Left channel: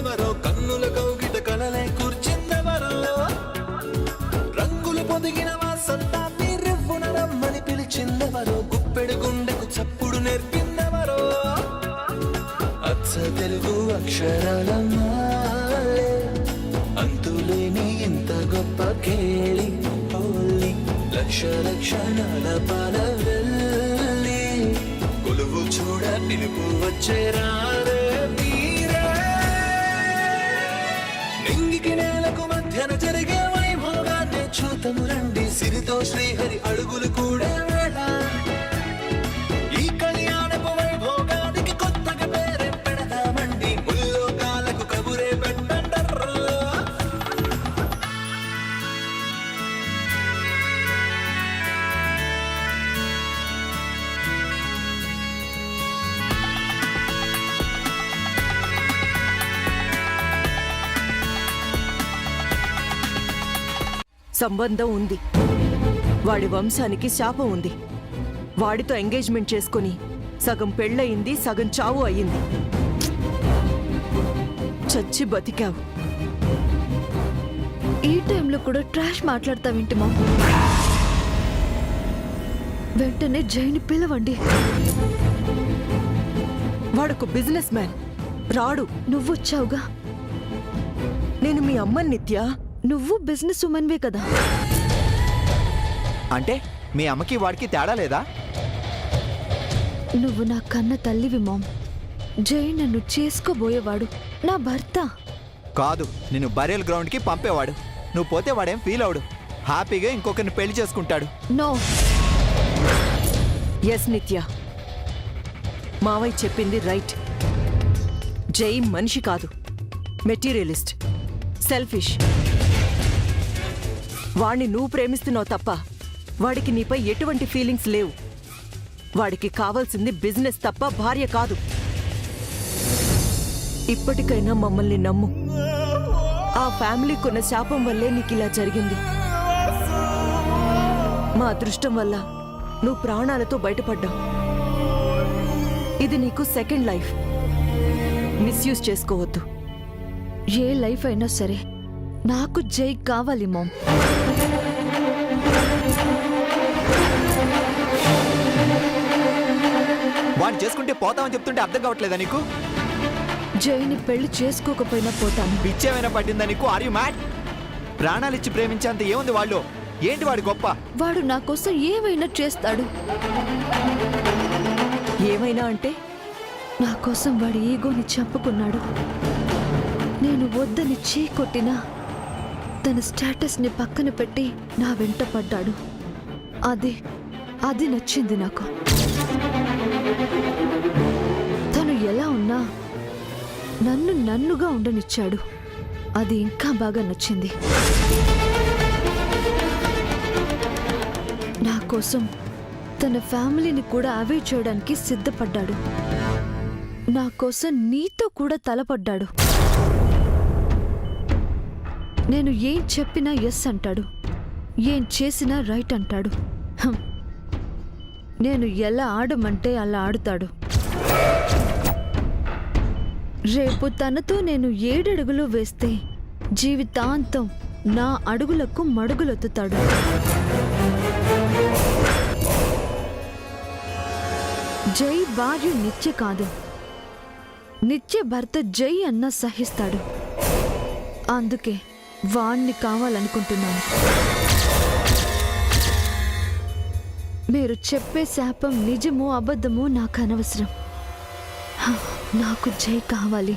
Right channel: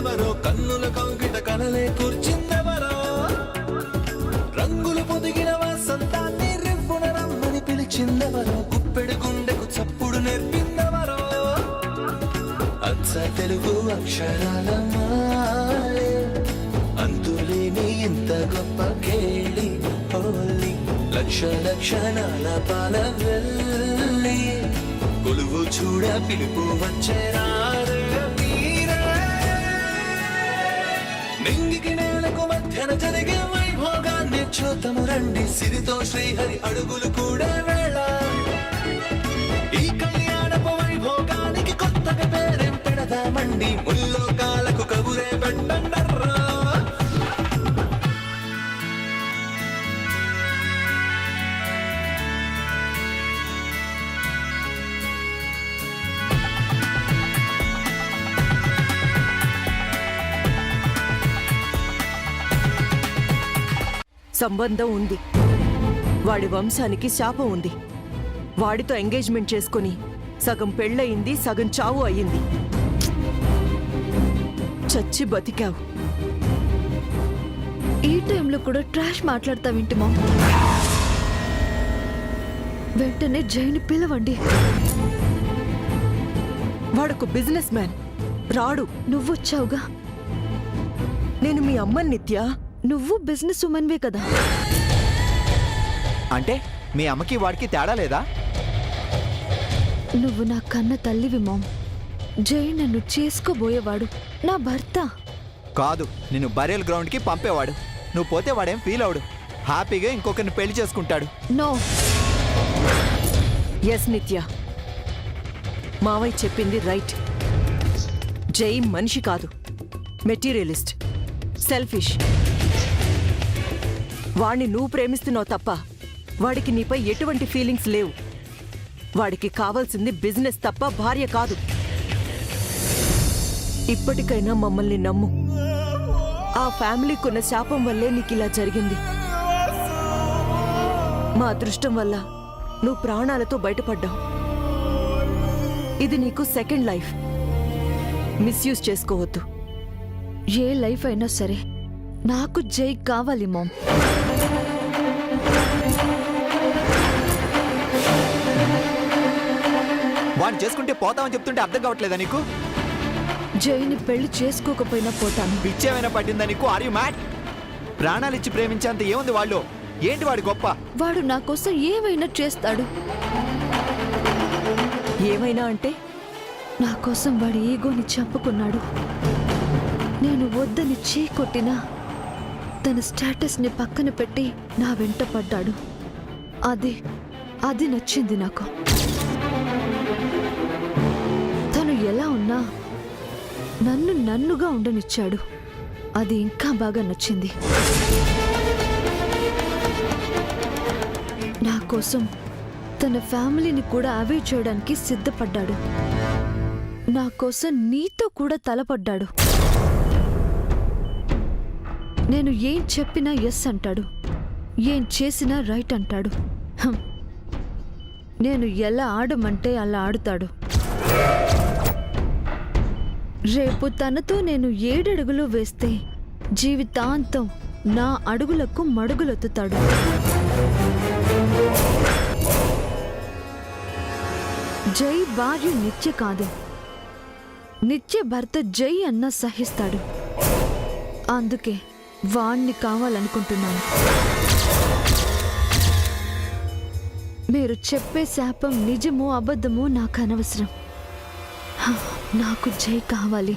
కూర్చిందెవరో, కన్నుల కౌగిట కలలే కూర్చిందెవరో, రంగులు పొదిగిన వాసంతాన్ని రివ్వున రమ్మని పిలిచిందెవరో, గుప్పెడు గుండెకు చప్పుడు నేర్పిందెవరో, అచ్చ తెలుగు అక్షరాల మాలే, అంతులేని ఇంత గొప్ప కేళి హోలీ, లక్ష లక్షణాల పాల వెళ్ళి, కొలువు చూడ పిలుపు వచ్చేరారే మీరే, నింగికి నేలకు మధ్యన జరిగే వైభోగాన్ని చూతము రండి, సిరితో శ్రీహరి అడుగులు కూడే వేళ, ఈ కళ్యాణపు వైభోగానికి కొత్తగా పేరేం పెడదామండి, ముల్లోకాలకు కబురే పెట్టండర్రా. సంబంధం ఉంది, వాడి వంశానికి శాపం ఉంది. వాడితో ఎంగేజ్మెంట్ చేసుకుని సగం పెళ్ళయింది, సగం చావు అయ్యింది. చచ్చి బతికావు. ఈ టైంలో కూడా ట్రాష్ మాట్లాడతావేంటి మా? వెంటనే జైని పిలవండి. వాడొక బిజినెస్ మ్యాన్, రాడు. నువ్వొచ్చావుగా. నేను మీ అమ్మని నిత్య. నువ్వు బిజినెస్ ఉమెన్వే కదా. అంటే మీ అమ్మకి వాడికి తేడా లేదా? నువ్వు నా కన్న తల్లివి మామ్. జై నన్ను చేసుకోబోయేవాడు, నా భర్త కాదు. నిన్ను బరియల్ గ్రౌండ్కి పంపేవాడు. నువ్వు పోతే వాడేం ఫీల్ అవడు, హ్యాపీగా ఇంకొకరిని పెళ్లి చేసుకుంటాడు. నో. ఎస్ నిత్య, మావయ్య చెప్పింది రైట్. జై మనిషి కాదు, మెటీరియలిస్ట్, సెల్ఫిష్. వాణ్ణి నువ్వు ప్రేమిస్తున్నావు తప్ప వాడికి నీపై ఎటువంటి ఫీలింగ్స్ లేవు. వాడికి కావాల్సింది బిజినెస్ తప్ప భార్య కాదు. ఇప్పటికైనా మమ్మల్ని నమ్ము. ఆ ఫ్యామిలీకున్న శాపం వల్లే నీకిలా జరిగింది. మా అదృష్టం వల్ల నువ్వు ప్రాణాలతో బయటపడ్డావు. ఇది నీకు సెకండ్ లైఫ్. మిస్యూజ్ చేసుకోవద్దు. ఏ లైఫ్ అయినా సరే నాకు జై కావాలి మామ్. వాడిని చేసుకుంటే పోతామని చెప్తుంటే అర్థం కావట్లేదా నీకు? జైని పెళ్లి చేసుకోకపోయినా పోతాను. పిచ్చేమైనా పట్టిందా నీకు? Are you mad? ప్రాణాలిచ్చి ప్రేమించేంత ఏముంది వాళ్ళు? ఏంటి వాడి గొప్ప? వాడు నా కోసం ఏమైనా చేస్తాడు. ఏమైనా అంటే? నా కోసం వాడి ఈగోని చంపుకున్నాడు. నేను వద్దని చీకొట్టినా తన స్టేటస్ని పక్కన పెట్టి నా వెంట పడ్డాడు. అది నచ్చింది నాకు. తను ఎలా ఉన్నా నన్నుగా ఉండనిచ్చాడు. అది ఇంకా బాగా నచ్చింది. నా కోసం తన ఫ్యామిలీని కూడా అవాయిడ్ చేయడానికి సిద్ధపడ్డాడు. నా కోసం నీతో కూడా తలపడ్డాడు. నేను ఏం చెప్పినా ఎస్ అంటాడు, ఏం చేసినా రైట్ అంటాడు. నేను ఎలా ఆడమంటే అలా ఆడుతాడు. రేపు తనతో నేను 7 అడుగులు వేస్తే జీవితాంతం నా అడుగులకు మడుగులొత్తుతాడు. జై భార్య నిత్య కాదు, నిత్య భర్త జై అన్న సహిస్తాడు. అందుకే వాణ్ణి కావాలనుకుంటున్నాను. మీరు చెప్పే శాపం నిజమో అబద్ధమో నాకు అనవసరం. నాకు జై కావాలి.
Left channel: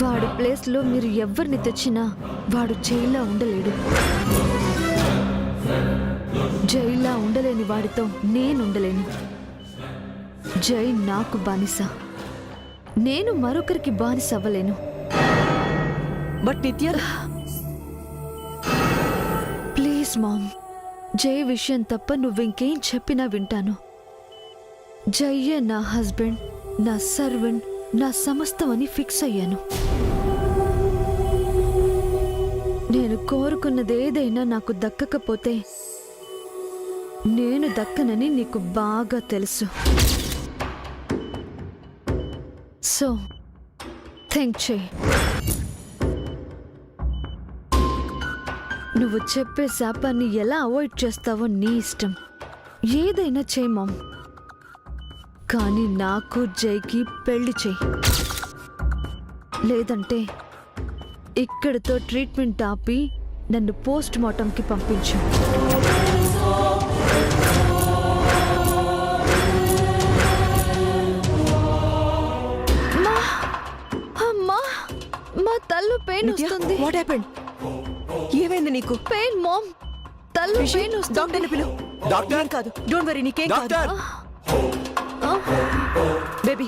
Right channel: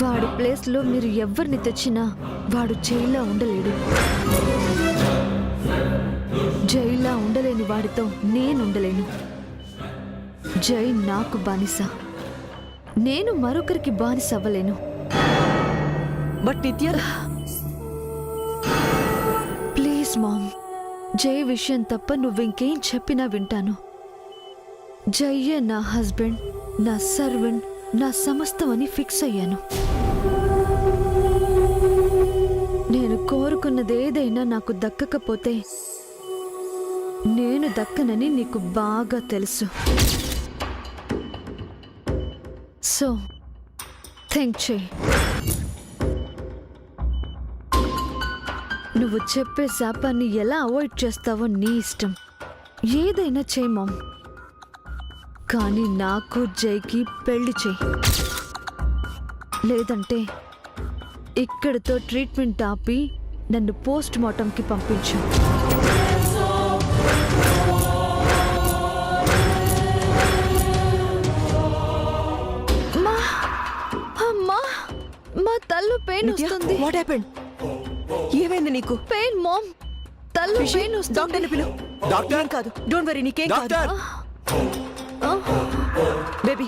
వాడి ప్లేస్లో మీరు ఎవరిని తెచ్చినా వాడు జైలా ఉండలేడు. జైలా ఉండలేని వాడితో నేనుండలేను. జై నాకు బానిస, నేను మరొకరికి బానిస అవ్వలేను. బట్ నిత్య, ప్లీజ్ మామ్, జై విషయం తప్ప నువ్వింకేం చెప్పినా వింటాను. జయ్యే నా హస్బెండ్, నా సర్వెంట్, నా సమస్తం అని ఫిక్స్ అయ్యాను. నేను కోరుకున్నదేదైనా నాకు దక్కకపోతే నేను దక్కనని నీకు బాగా తెలుసు. సో థింక్ చేయి. నువ్వు చెప్పే శాపాన్ని ఎలా అవాయిడ్ చేస్తావో నీ ఇష్టం. ఏదైనా చేయి మామ్, కానీ నాకు జైకి పెళ్లి చేయి. లేదంటే ఇక్కడితో ట్రీట్మెంట్ ఆపి నన్ను పోస్ట్ మార్టంకి పంపించు. అమ్మా, మా తల్లు పెయిన్ వస్తుంది. What happened? ఏమైంది నీకు? పెయిన్ మామ్, తల్లు రిషి, పెయిన్ వస్తుంది. డాక్టర్ని పిలు. డాక్టర్? ఏం కాదు, డోంట్ వరీ, నీకేం కాదు. డాక్టర్! బేబీ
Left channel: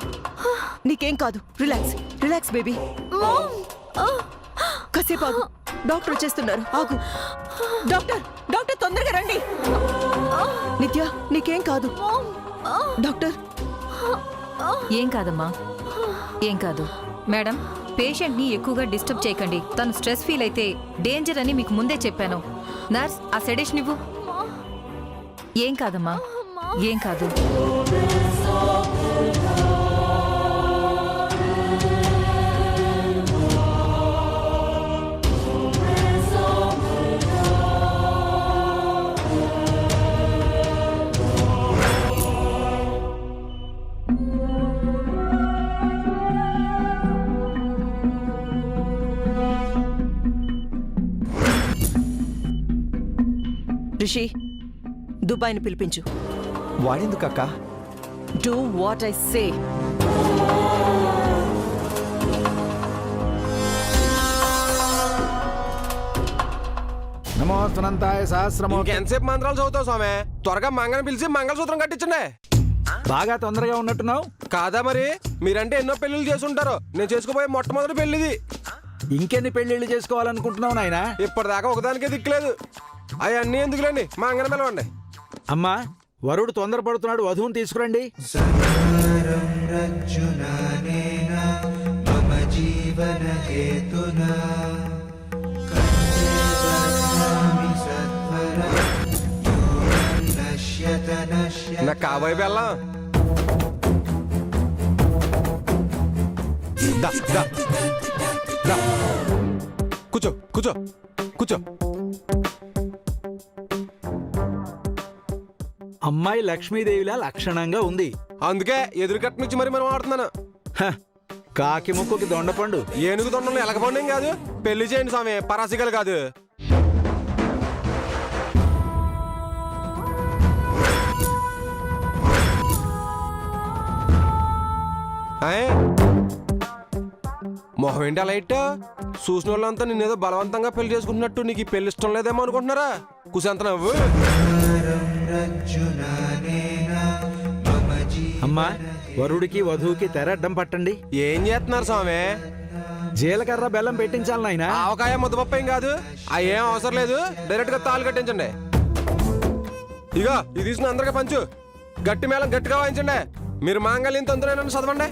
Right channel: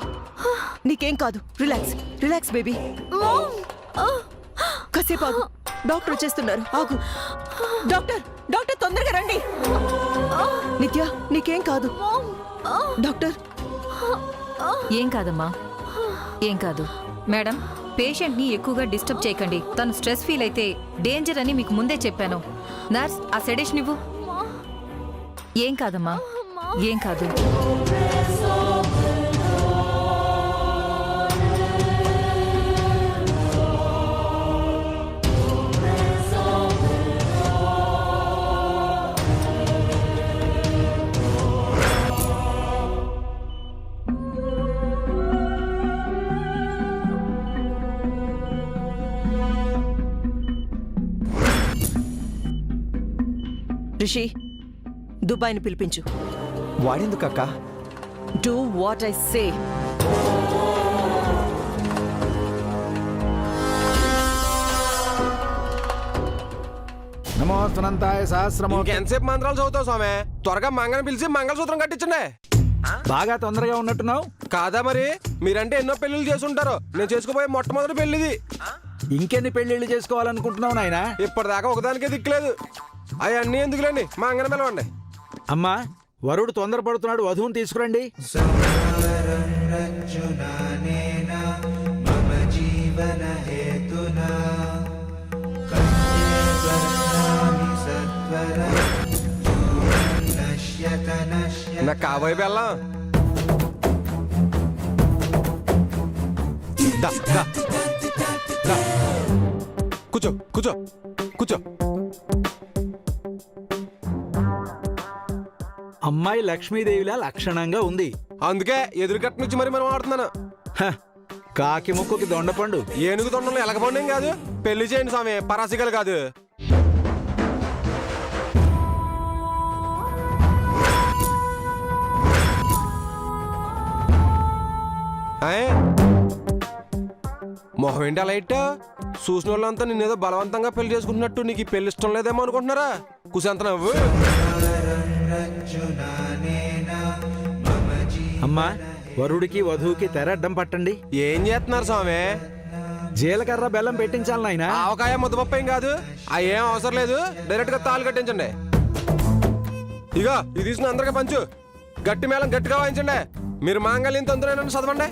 నీకేం కాదు, రిలాక్స్ రిలాక్స్ బేబీ. మామ్, కాసేపు ఆగు, డాక్టర్ వచ్చేస్తున్నారు, ఆగు. డాక్టర్ డాక్టర్ తొందరగా రండి. నిత్య నీకేం కాదు. డాక్టర్ ఏం కాదమ్మా, ఏం కాదు. మేడం, పేషెంట్ని ఎక్కువగా డిస్టర్బ్ చేయకండి. తను స్ట్రెస్ ఫీల్ అయితే డేంజర్ అని మీకు ముందే చెప్పాను. నర్స్, ఆ సెడేషన్ ఇవ్వు. ఏం కాదమ్మా, ఏం కాదు. రిషి, దుబాయ్ని పిలిపించు. వాడేందుకు అక్క? Do what I say. నమోస్తనంతాయ సహస్రమో. ఎంతసేపు మంత్రాలు చదువుతావు స్వామి? త్వరగా మంగళం పిలిచి మంగళసూత్రం కట్టించండి. బాగా తొందరగా ఉన్నట్టున్నావు. కాదా మరి? మీరంటే ఎన్నో పెళ్లిళ్ళు చేసుంటారు. నేను చేసుకోబోయే మొట్టమొదటి పెళ్లిది. ఇంకెన్ని పెళ్లిళ్ళు చేసుకోవాలనుకుంటున్నావు నాయనా? ఇప్పటిదాకా ఒకదానికే దిక్కులేదు. అవన్నీ ఎందుకులేండి, మా అంగన పిలవండి. అమ్మా, వరుడు తొందరపడుతున్నాడు, వధువుని తీసుకురండి. నాకు కాబోయే బెల్లం. దా దా దా, కూర్చో కూర్చో కూర్చో. అమ్మాయి లక్ష్మీదేవిలా లక్షణంగా ఉంది. అందుకే ఎదురు కట్ట నుంచి మరి మనం ఆడుతున్నాను. హ, కాకి ముక్కుకి దొండపండు. ఏనుగు తొండంలో ఎలగపండు కాదు. పెళ్లి చేయండి స్వామి, పరాసికలు కాదు. మొహం ఏంటి అలా ఇట్టా? చూసిన వాళ్ళంతా నిన్నేదో బలవంతంగా పెళ్లి చేసుకుంటున్నట్టు. నీకు ఈ పెళ్లి ఇష్టం లేదేమో అనుకుంటున్నారా? కుసంత నవ్వు. అమ్మా, వరుడికి వధువుకి తెరడ్డం పట్టండి. ఏం చేస్తున్నారు స్వామి? జీలకర్ర బెల్లం పెట్టించాలి నాయనా. ఆవకాయ ముద్దపప్పు ఏం కాదు, అవి ఏం అవసరం లేదు. డైరెక్ట్ గా తాళి కట్టించండి. ఇగో ఇది తీసుకుని అందరికీ పంచు. గట్టి మేళం గట్టిగా వాయించండి. మీరు మాంగళ్యం తొందరగా చదవండి.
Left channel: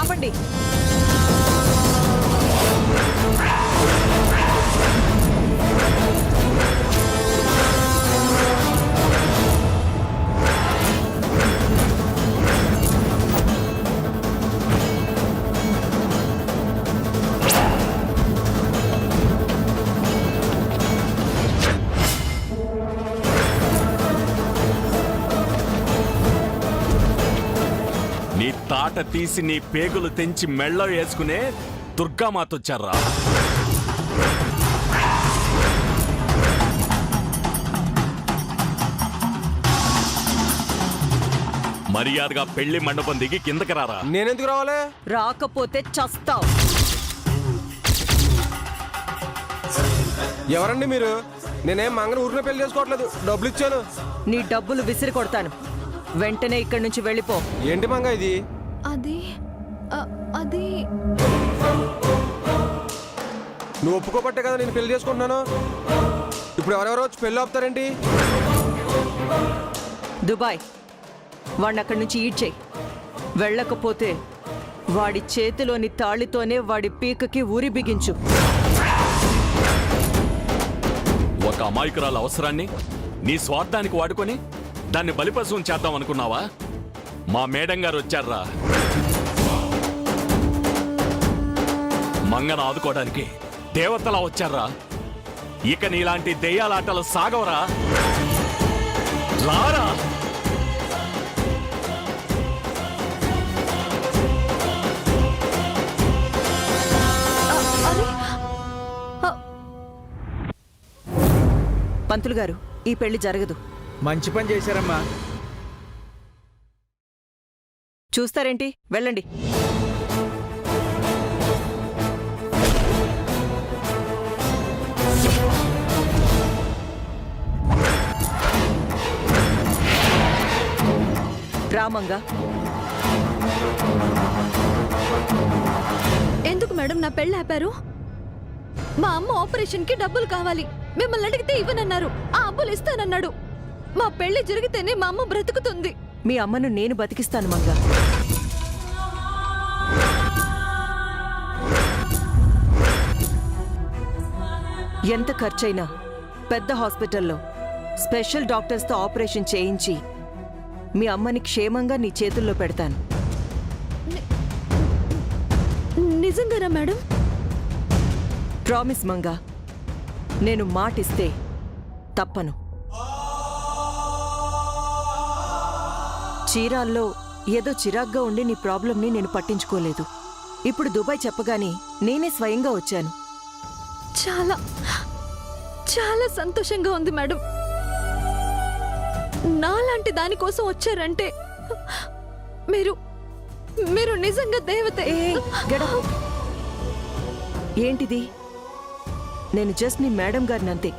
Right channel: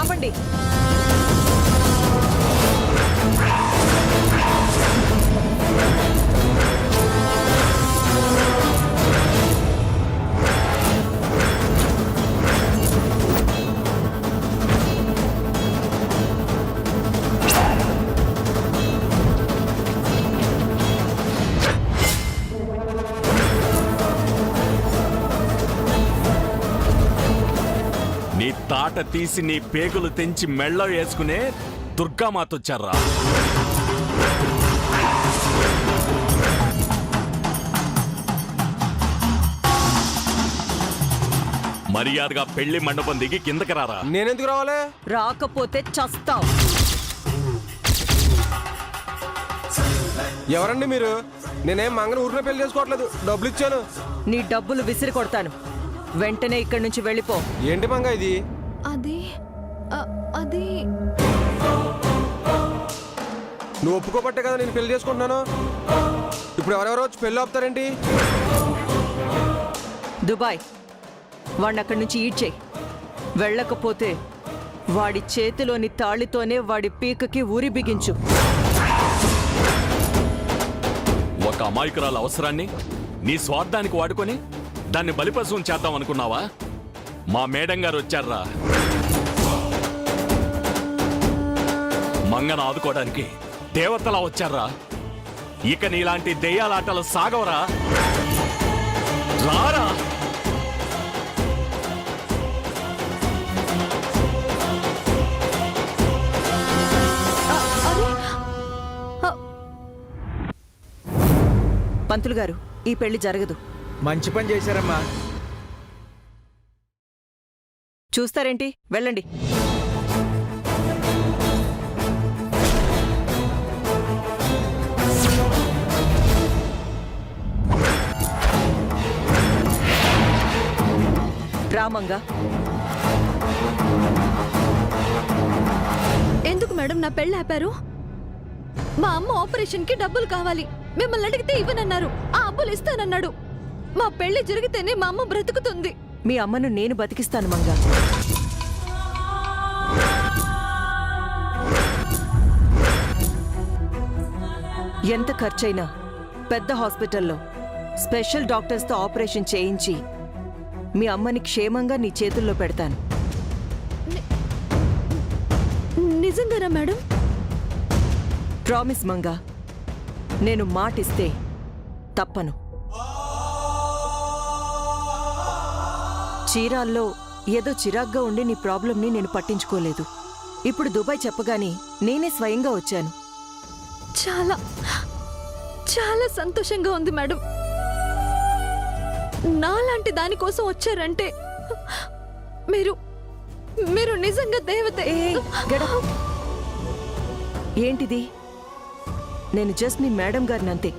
ఆపండి. నీ తాట తీసి నీ పేగులు తెంచి మెళ్ళో వేసుకునే దుర్గామాతొచ్చారా? మర్యాదగా పెళ్లి మండపం దిగి కిందకి రారా. నేనెందుకు రావాలి? రాకపోతే చస్తావు. ఎవరండి మీరు? నేనేం మంగళ ఊరిలో పెళ్లి చేసుకోవట్లేదు, డబ్బులు ఇచ్చాను. నీ డబ్బులు విసిరి కొడతాను. వెంటనే ఇక్కడి నుంచి వెళ్ళిపో. ఏంటి మంగ ఇది? అది అది నువ్వు ఒప్పుకోబట్టే కదా నేను పెళ్లి చేసుకుంటున్నాను. ఇప్పుడు ఎవరెవరో వచ్చి పెళ్లి ఆపుతారేంటి? దుబాయ్ వాడిని అక్కడి నుంచి ఈడ్ చేయి. వెళ్ళకపోతే వాడి చేతిలోని తాళితోనే వాడి పీకకి ఊరి బిగించు. ఒక అమాయకురాల అవసరాన్ని నీ స్వార్థానికి వాడుకొని దాన్ని బలిపశువుని చేద్దాం అనుకున్నావా? మా మేడం గారు వచ్చారా మంగను ఆదుకోవడానికి. దేవతలా వచ్చారా. ఇక నీలాంటి దెయ్యాలాటలు సాగవరా. రారా. అరే పంతులు గారు, ఈ పెళ్లి జరగదు. మంచి పని చేశారమ్మా. చూస్తారేంటి? వెళ్ళండి. రామంగా, ఎందుకు మేడం నా పెళ్ళి ఆపారు? మా అమ్మ ఆపరేషన్ కి డబ్బులు కావాలి. మిమ్మల్ని అడిగితే ఇవ్వనన్నారు. ఆ అబ్బులు ఇస్తానన్నాడు. మా పెళ్లి జరిగితేనే మా అమ్మ బ్రతుకుతుంది. మీ అమ్మను నేను బతికిస్తాను మంగా. ఎంత ఖర్చైనా పెద్ద హాస్పిటల్లో స్పెషల్ డాక్టర్స్తో ఆపరేషన్ చేయించి మీ అమ్మని క్షేమంగా నీ చేతుల్లో పెడతాను. నిజంగానా మేడం? ప్రామిస్ మంగా. నేను మాటిస్తే తప్పను. చీరాల్లో ఏదో చిరాగ్గా ఉండి నీ ప్రాబ్లంని నేను పట్టించుకోలేదు. ఇప్పుడు దుబాయ్ చెప్పగానే నేనే స్వయంగా వచ్చాను. చాలా చాలా సంతోషంగా ఉంది మేడం. నాలాంటి దానికోసం వచ్చారంటే మీరు మీరు నిజంగా దేవతే. గడ ఏంటిది? నేను జస్ట్ నీ మేడం గారిని అంతే.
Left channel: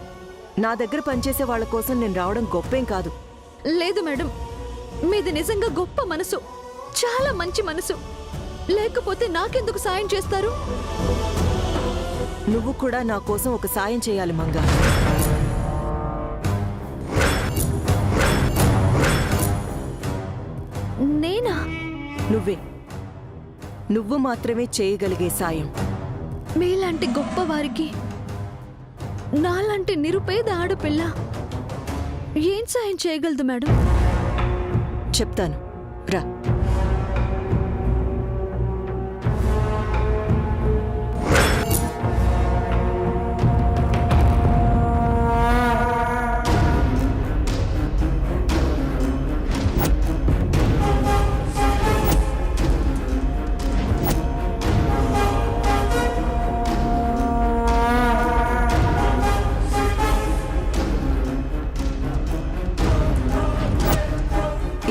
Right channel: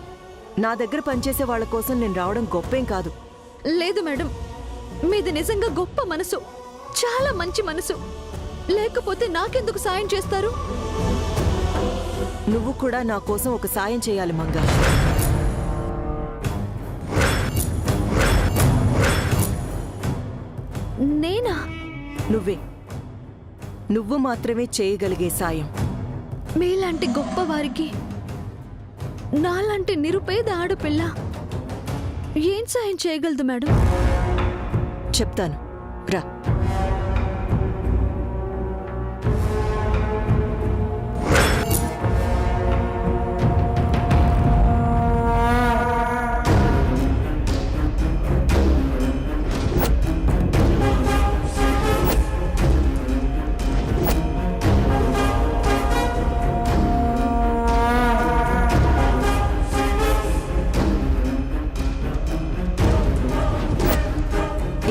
నా దగ్గర పనిచేసే వాళ్ళ కోసం నేను రావడం గొప్పేం కాదు. లేదు మేడం, మీది నిజంగా గొప్ప మనసు, చాలా మంచి మనసు. లేకపోతే నాకెందుకు సాయం చేస్తారు? నువ్వు కూడా నా కోసం ఒక సాయం చేయాలి మంగా. నేనా? నువ్వు మాత్రమే చేయగలిగే సాయం. మీలాంటి గొప్ప వారికి నాలాంటి నిరుపేద ఆడపిల్ల ఏం సాయం చేయగలదు మేడం? చెప్తాను, రా.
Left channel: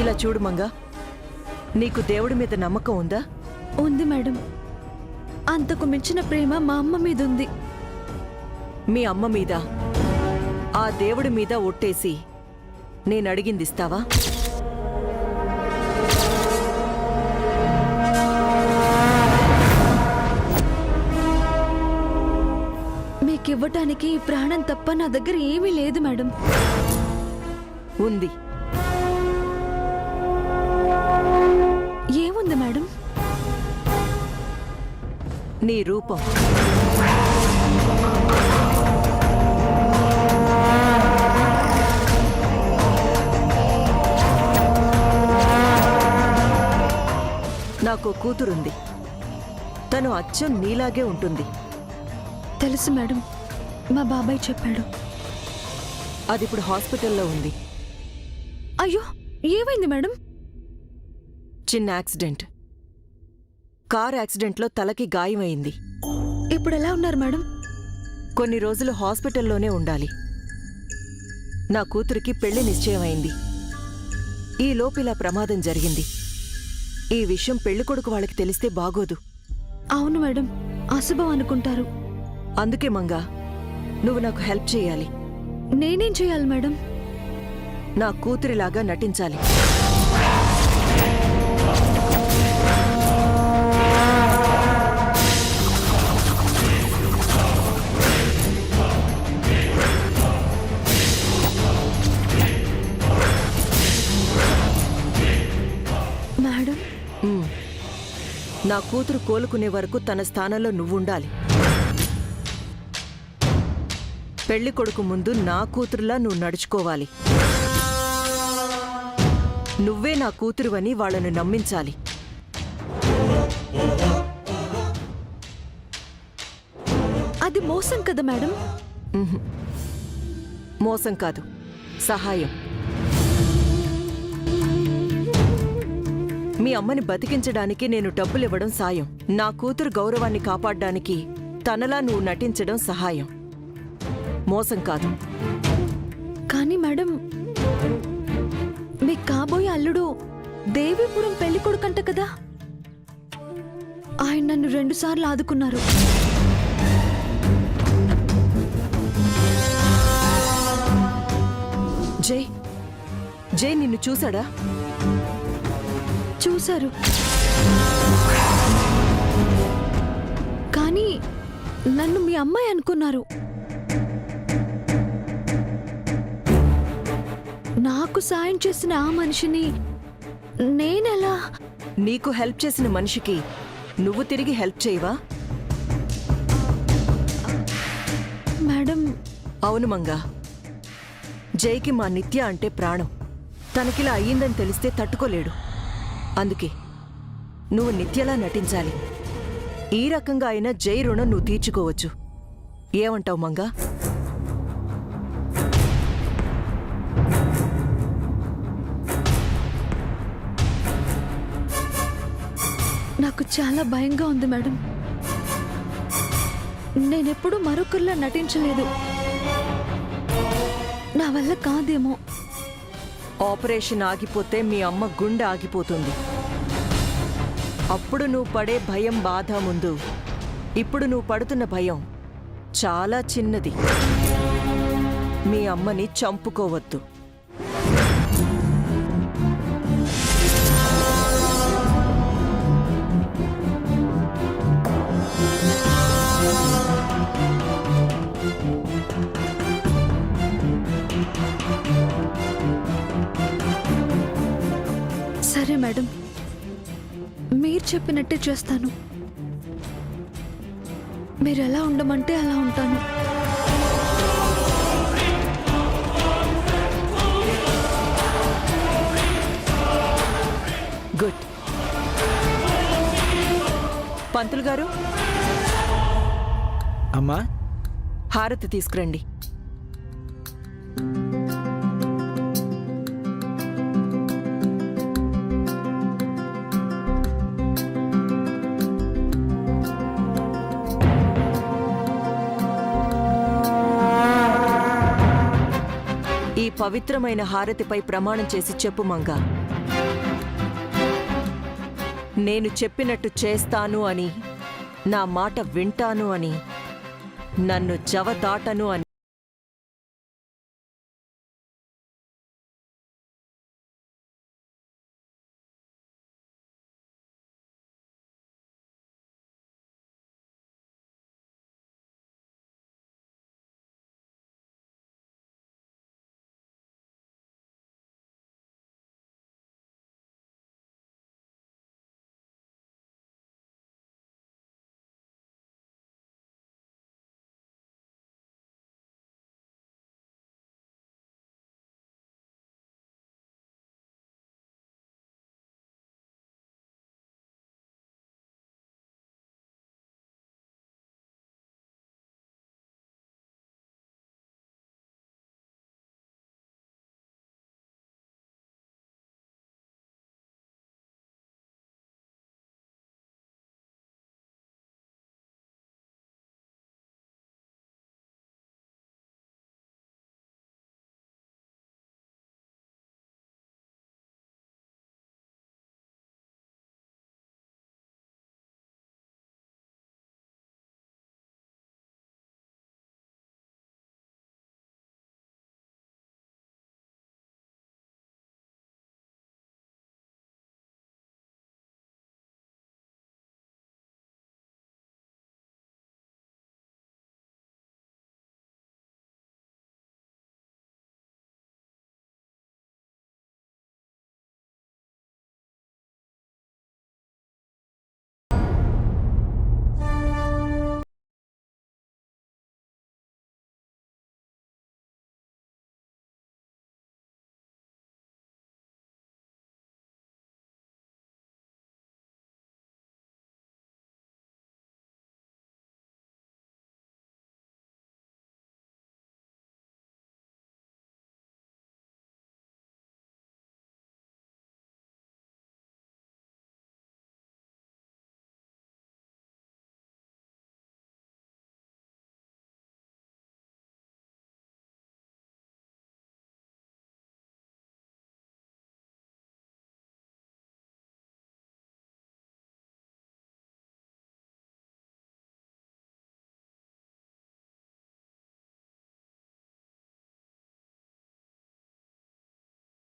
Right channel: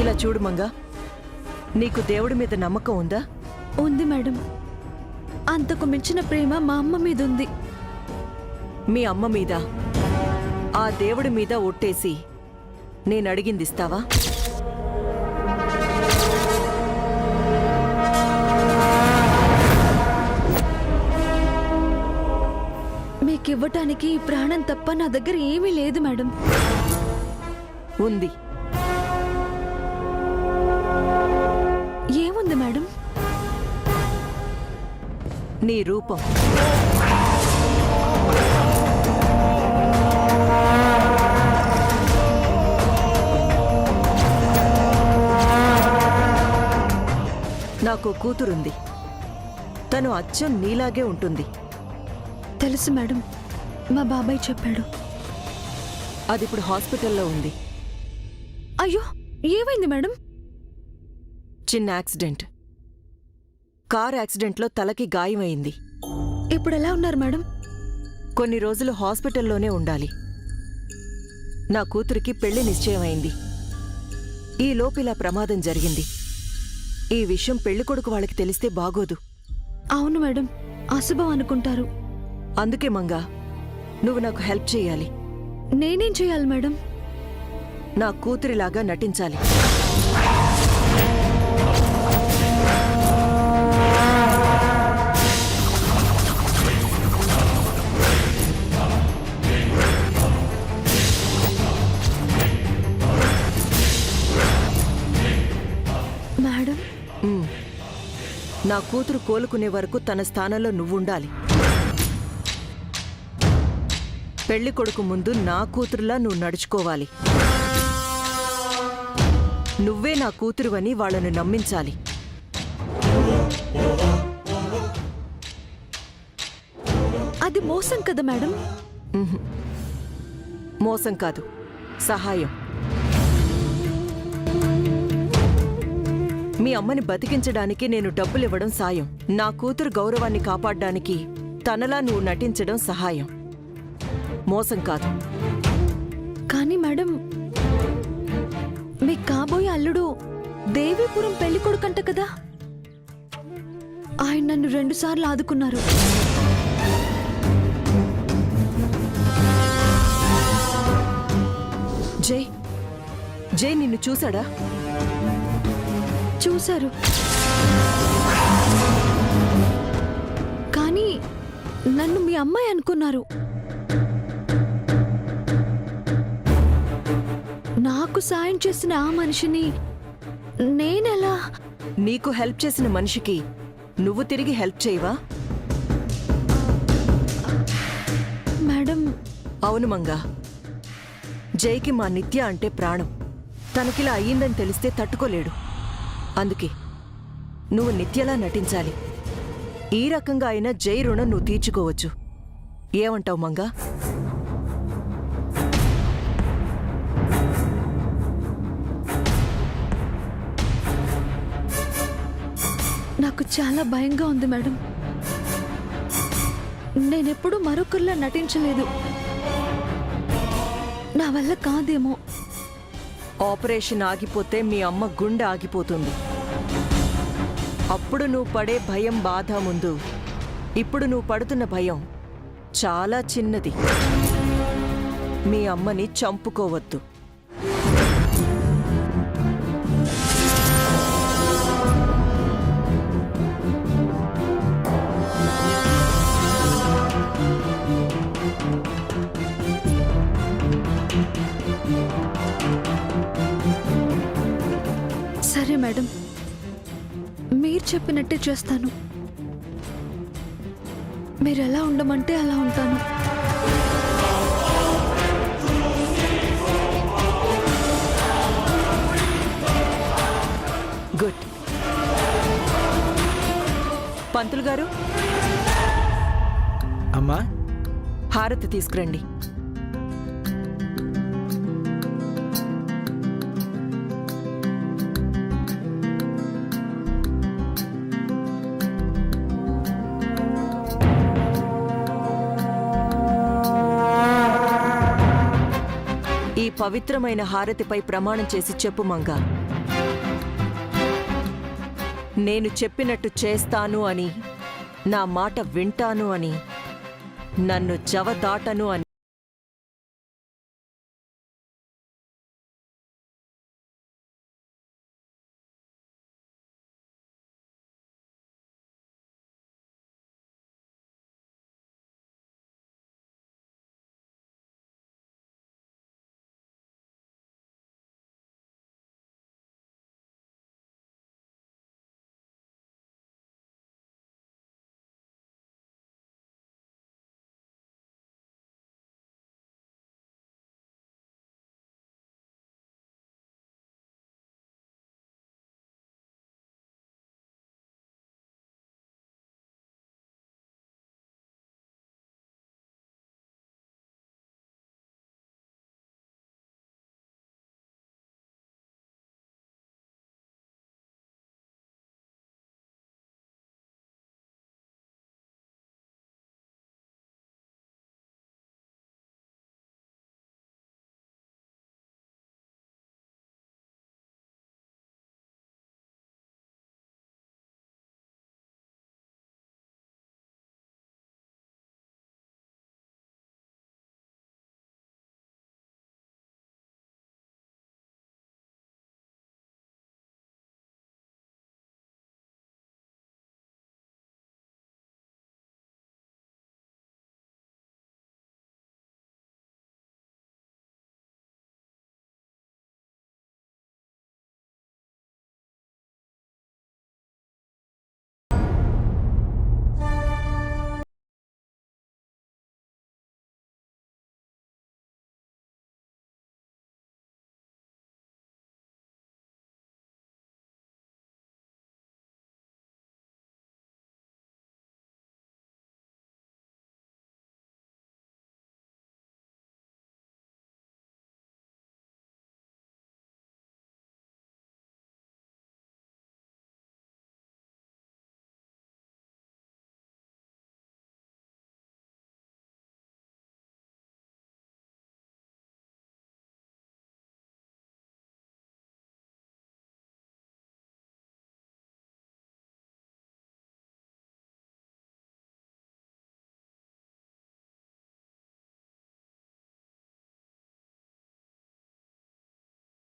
ఇలా చూడు మంగా, నీకు దేవుడి మీద నమ్మకం ఉందా? ఉంది మేడం. అంతకు మించిన ప్రేమ మా అమ్మ మీద ఉంది. మీ అమ్మ మీద, ఆ దేవుడి మీద ఒట్టేసి నేనడిగింది ఇస్తావా? మీకివ్వటానికి ఈ ప్రాణం తప్ప నా దగ్గర ఏమీ లేదు మేడం. ఉంది. ఏముంది మేడం? నీ రూపం. నాకు కూతురుంది. తను అచ్చం నీలాగే ఉంటుంది. తెలుసు మేడం, మా బాబాయ్ చెప్పాడు. అదిప్పుడు హాస్పిటల్లో ఉంది. అయ్యో, ఏమైంది మేడం? చిన్న యాక్సిడెంట్. కార్ యాక్సిడెంట్లో తలకి గాయమైంది. ఇప్పుడు ఎలా ఉన్నారు మేడం? కొన్ని రోజులు హాస్పిటల్లోనే ఉండాలి. నా కూతురికి పెళ్లి నిశ్చయమైంది. ఈ లోపిలా ప్రమాదం జరిగింది. ఈ విషయం పెళ్లికొడుకు వాళ్ళకి తెలిస్తే బాగోదు. అవును మేడం, అశుభం అనుకుంటారు. అందుకే మంగా, నువ్వు నాకు హెల్ప్ చేయాలి. నేనేం చేయాలి మేడం? నా కూతురిలాగా నటించాలి. మేడం, నా కూతురు కోలుకునే వరకు తన స్థానంలో నువ్వుండాలి. పెళ్లి కొడుకు ముందు నా కూతురులా నువ్వు నడుచుకోవాలి. నువ్వే నా కూతురువని వాళ్ళను నమ్మించాలి. అది మోసం కదా మేడం. మోసం కాదు, సహాయం. మీ అమ్మని బతికించడానికి నేను డబ్బులివ్వడం సాయం. నా కూతురు గౌరవాన్ని కాపాడ్డానికి తనలా నువ్వు నటించడం సహాయం. మోసం కాదు. కానీ మేడం, మీ కాబోయే అల్లుడు దేవీపురం పెళ్లి కొడుకంట కదా. ఆయన నన్ను 2 సార్లు ఆదుకున్నారు. జై జై నిన్ను చూశాడా? చూశారు. కానీ నన్ను మీ అమ్మాయి అనుకున్నారు. నాకు సాయం చేసిన ఆ మనిషిని నేనెలా? నీకు హెల్ప్ చేసిన మనిషికి నువ్వు తిరిగి హెల్ప్ చేయవా? మేడం, అవును మంగా. జైకి మా నిత్య అంటే ప్రాణం. తనకిలా అయ్యిందని తెలిస్తే తట్టుకోలేడు. అందుకే నువ్వు నిత్యలా నటించాలి. ఈ రకంగా అయినా జై రుణం నువ్వు తీర్చుకోవచ్చు. ఏమంటావు మంగా? నాకు చాలా భయంగా ఉంది మేడం. నేనెప్పుడు మరొకరిలా నటించలేదు. నా వల్ల కాదేమో. ఆపరేషన్ ఆగిపోతే మీ అమ్మ గుండె ఆగిపోతుంది. అప్పుడు నువ్వు పడే భయం, బాధ ముందు ఇప్పుడు నువ్వు పడుతున్న భయం చాలా చిన్నది. మీ అమ్మని చంపుకోవద్దు. సరే మేడం, మీరు చెప్పినట్టే చేస్తాను. మీరు ఎలా ఉండమంటే అలా ఉంటాను. గుడ్. పంతులు గారు, అమ్మా, హారతి తీసుకురండి. ఈ పవిత్రమైన హారతిపై ప్రమాణం చేసి చెప్పు మంగా. నేను చెప్పినట్టు చేస్తాను అని, నా మాట వింటాను అని, నన్ను జవదాటను అని.